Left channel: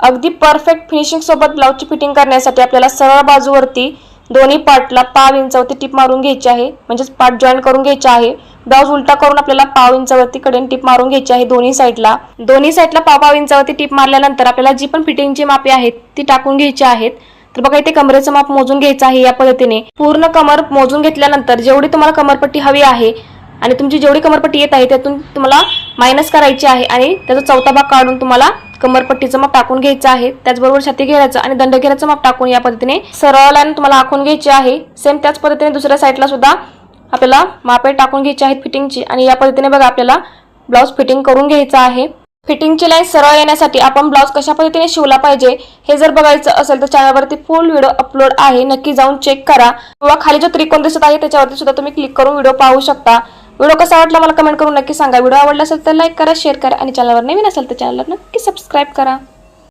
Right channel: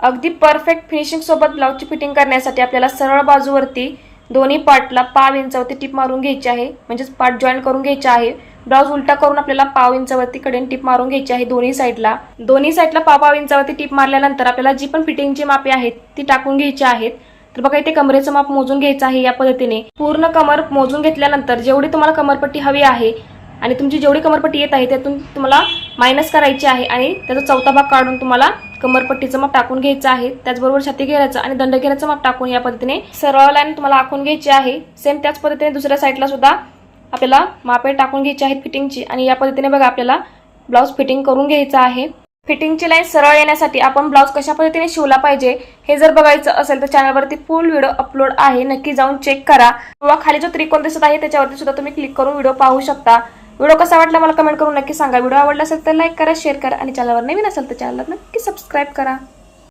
अगदी perfect finishing सोबत ब्लाउजची fitting करण्यासाठी आपल्याला सरळ बाजूवरती दोन्ही पार्टला 1/2 इंचावरती टिप मारून घ्यायची आहे, म्हणजेच पार्ट जॉईन करून घ्यायचे आहे। ब्लाउज उलटा करून आपल्याला 1/2 इंचावरती कडेने टिप मारून घ्यायची आहे दोन्ही साइडला 1/2 इंचावरती टिप मारल्यानंतर आपल्याला जी पण फिटिंगची मापे आहेत ती टाकून घ्यायची आहेत। तर बघा इथे कमरेचं माप मोजून घ्यायचं आहे या पद्धतीने। पूर्ण कमर मोजून घेतल्यानंतर जेवढी तुम्हाला कमरपट्टी हवी आहे आणि तुमची जेवढी कमरपट्टी येत आहे त्यातून तुम्हाला मायनस करायची आहे आणि त्याचा चौथा भाग काढून तुम्हाला कमरपट्टीचं माप टाकून घ्यायचं आहे। त्याचबरोबर छाती घेराचं आणि दंड घेराचं माप टाकून या पद्धतीने सरळ लाईन तुम्हाला आखून घ्यायची आहे। सेम त्याच पद्धतीने दुसऱ्या साइडला सुद्धा आपल्याला मापे टाकून घ्यायची आहेत फिटिंगची आणि या पद्धतीने बघा आपल्याला ब्लाउज फिटिंग करून घ्यायचं आहे। फिटिंगची लाईन सरळ येण्यासाठी आपण ब्लाउज कशा पद्धतीने शिवला पाहिजे हे जर बघायचं असेल तर चॅनलवरती फुल व्हिडिओ अपलोड आहे, नक्की जाऊन चेक करा किंवा खाली जो त्रिकोण दिसत आहे त्याच्यावरती सुद्धा तुम्ही क्लिक करून व्हिडिओ पाहू शकता। व्हिडिओ कसा वाटला मला कमेंट करून नक्की सांगा। व्हिडिओ आवडला असेल तर लाईक करा, शेअर करा आणि चॅनलवर नवीन असेल तर चॅनलला नक्की सबस्क्राइब करा।